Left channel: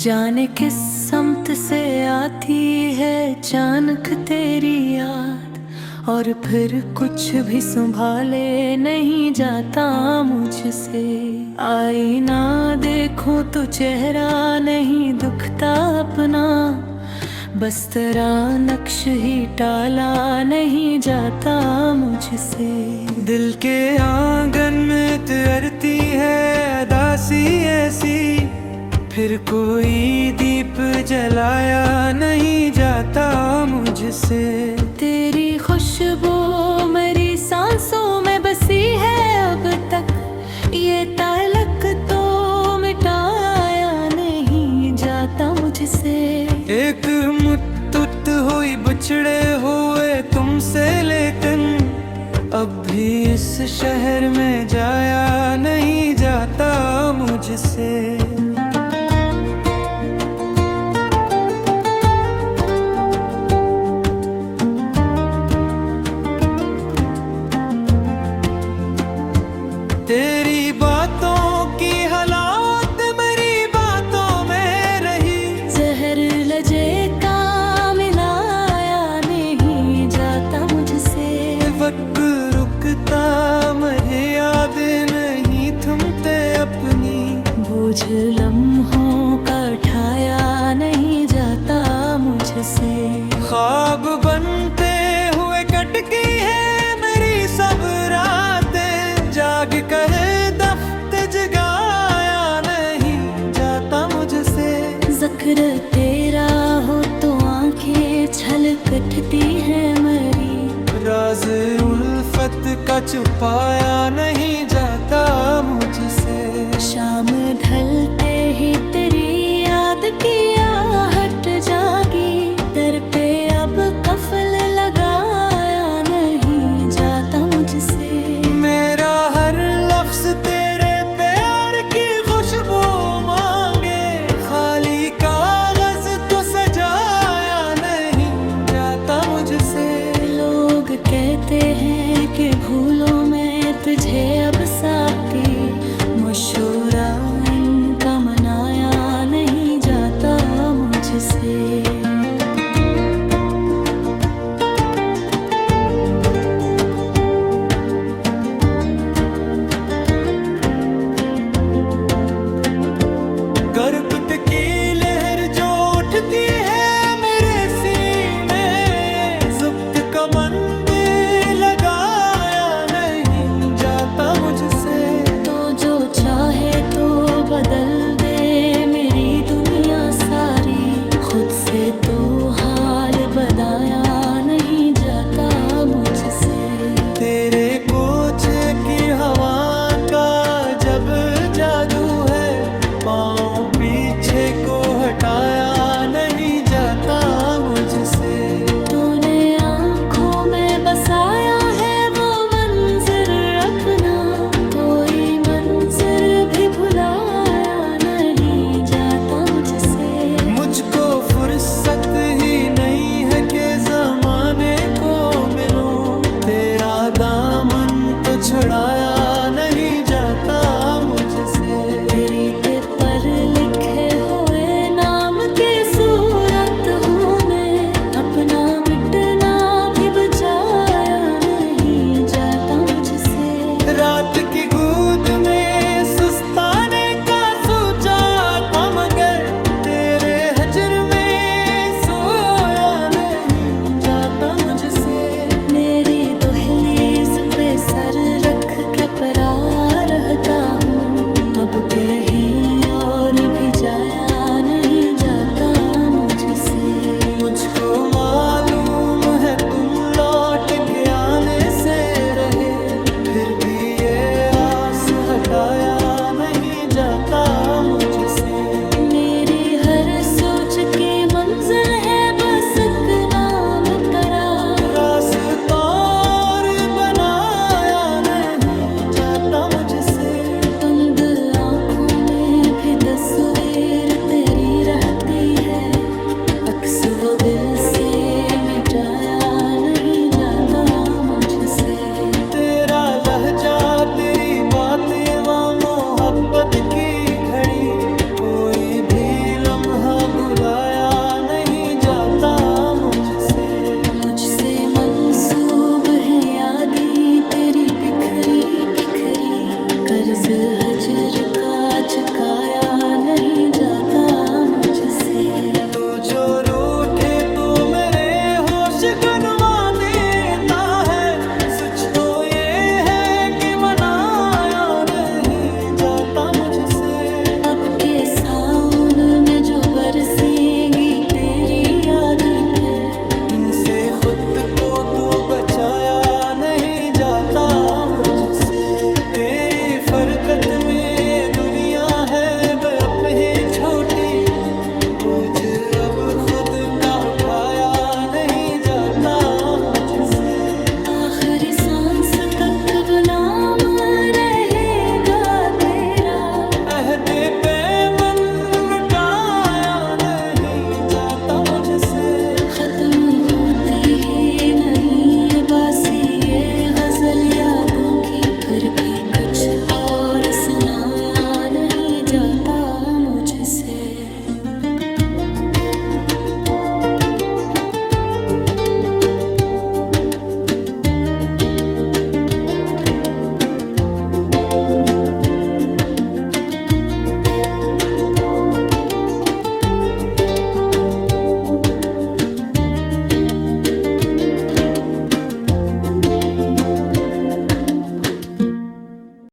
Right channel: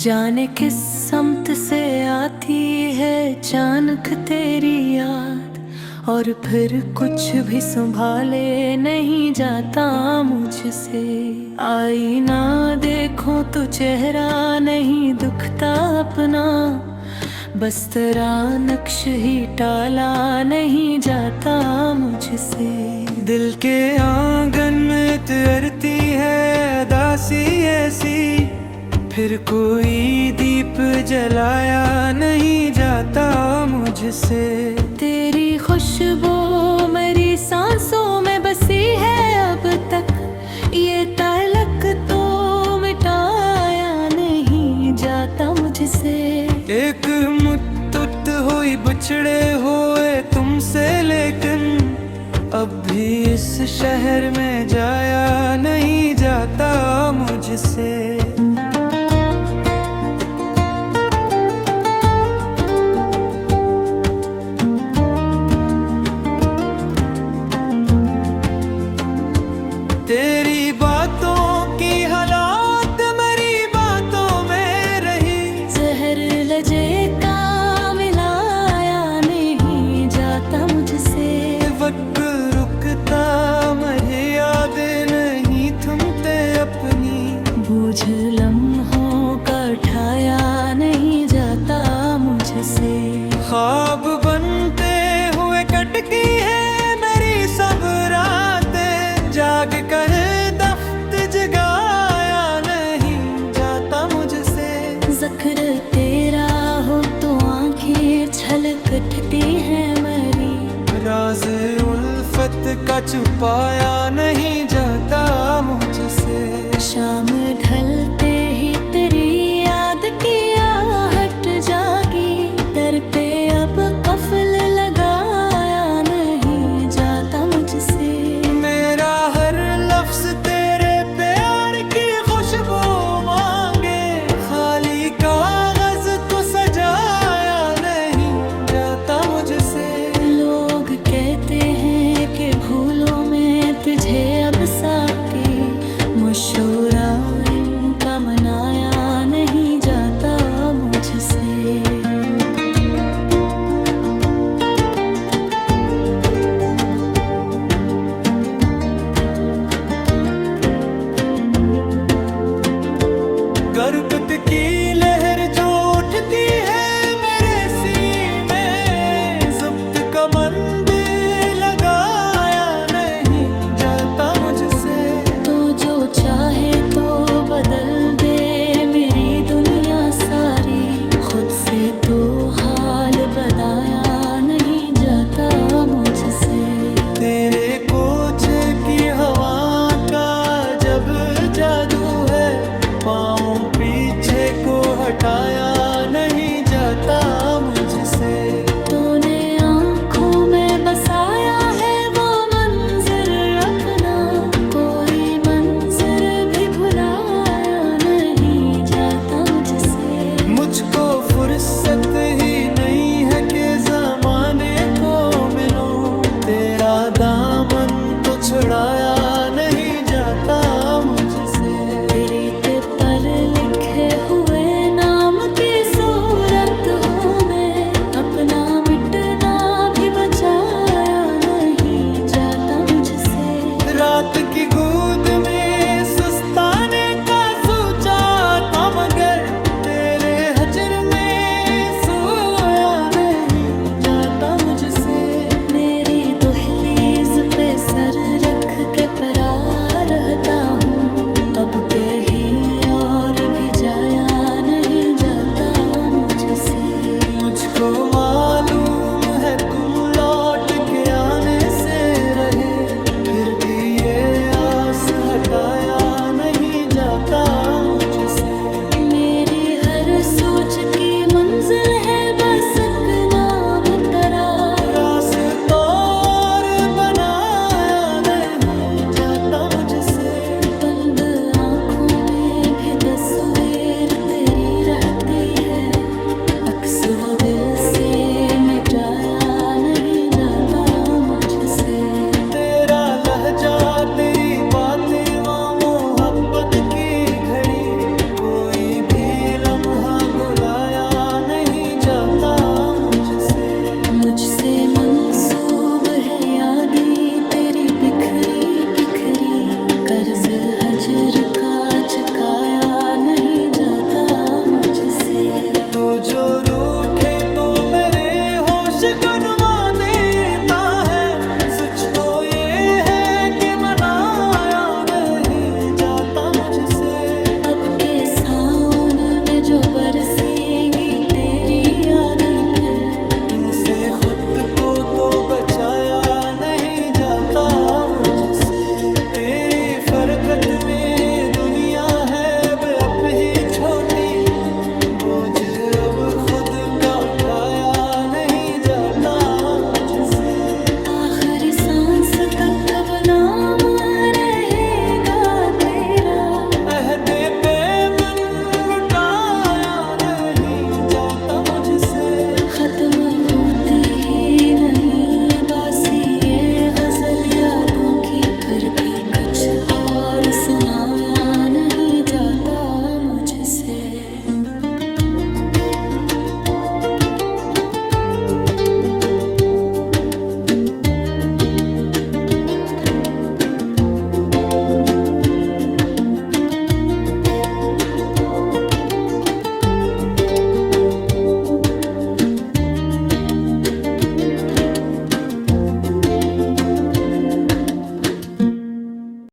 जाने किस समत से आती है अचानक तेरी याद, और फिर कुछ भी संभाले नहीं जाता मुझसे। आईना देखो तो चेहरा नहीं दुखता अपना, बस तेरा नक्श ही टाला नहीं जाता मुझसे। दिल के आंगन में तैरती है उदासी ऐसी, फिर कोई दीप जलाया नहीं जाता मुझसे। तेरी खुशबू मेरी सांसों में बसी है अब तक, ये ताल्लुक तो मिटाया नहीं जाता मुझसे। एक मुट्ठुत हुई बिछड़े हुए तुमसे, लेकिन अब भी इस शहर में जाया नहीं जाता मुझसे। तेरी बातों की हालात मेरी बातों में रही, जहर लजे का मिलाया नहीं जाता मुझसे। वक्त रुकता मरे यादें नहीं थमते अपनी, बोझ लम्हों का उठाया नहीं जाता मुझसे। ख्वाब बनते हुए कटती है मेरी सब रातें, जाग कर दफ्त जगाया नहीं जाता मुझसे। ज़िक्र तेरा हो तो आंखें छलक उठती है मेरी, राज उल्फत का छुपाया नहीं जाता मुझसे। शाम ढलते ही तेरी याद की आहट जागी, दर पे अब कफल लगाया नहीं जाता मुझसे। मेरा हर लफ्ज तेरे प्यार की खुशबू मांगे, खाली कागज तो सजाया नहीं जाता मुझसे। लोग कहते हैं कि भूलों में तुझे अब साकी, मशूरा इनका मनाया नहीं जाता मुझसे। गर्क की लहर जो उठती है मेरे सीने, ज़ब्त का मंदिर लगाया नहीं जाता मुझसे। तो जो चाहे तो बदल दे मेरी दुनिया सारी, खुद से तो हाल बताया नहीं जाता मुझसे। तेरे कोचे की हवा का जब जादू है, पाँव पीछे को हटाया नहीं जाता मुझसे। तूने आँखों में बसाया है वो मंजर अपना, कोई मंजर भी भुलाया नहीं जाता मुझसे। मुझको फुर्सत ही नहीं है कि ज़माने को मिलूं, तेरा दामन तो छुड़ाया नहीं जाता मुझसे। रेत पर लिखे हुए नाम की सूरत हूँ मैं, अपना मिटना भी बचाया नहीं जाता मुझसे। रात की गूद में सुस्ताने का सोचा था, मगर तेरे हजर में सोया नहीं जाता मुझसे। मेरी दहलीज पे सर रख के परा रहता हूँ, अब कहीं और भी जाया नहीं जाता मुझसे। मुझको मालूम है तुम लौट के आने से रहे, फिर भी ये आस हटाया नहीं जाता मुझसे। मेरी हर सोच की मंजिल है बस एक नाम तेरा, रास्ता और बनाया नहीं जाता मुझसे। बंद आँखों में भी तस्वीर तेरी रहती है, अक्स वो दिल से मिटाया नहीं जाता मुझसे। तेरा लहजा तेरी बातें व मोहब्बत की घड़ी, कोई भी लम्हा लम्हा बुलाया नहीं जाता मुझसे। मुझसे मंसूब है यादें तेरी बिखरी बिखरी, कर्ज हजर का चुकाया नहीं जाता मुझसे। तो जो रूठे तो मेरे होश गनवा देता है, सच तो ये है कि मनाया नहीं जाता मुझसे। अब के सावन में जो बरसेंगी तेरी यादें फिर, इनसे खुद को तो बचाया नहीं जाता मुझसे। तेरी फरगत में दुनिया है बेअब ही छोटी, बोझ अब खुद का उठाया नहीं जाता मुझसे। आखिरी सांस तक बनाम रहेगा तेरा, अहदे पे मन लुटाया नहीं जाता मुझसे। खत्म होती ही नहीं बासी ये गजल यादों की, फिर भी कुछ और सुनाया नहीं जाता मुझसे।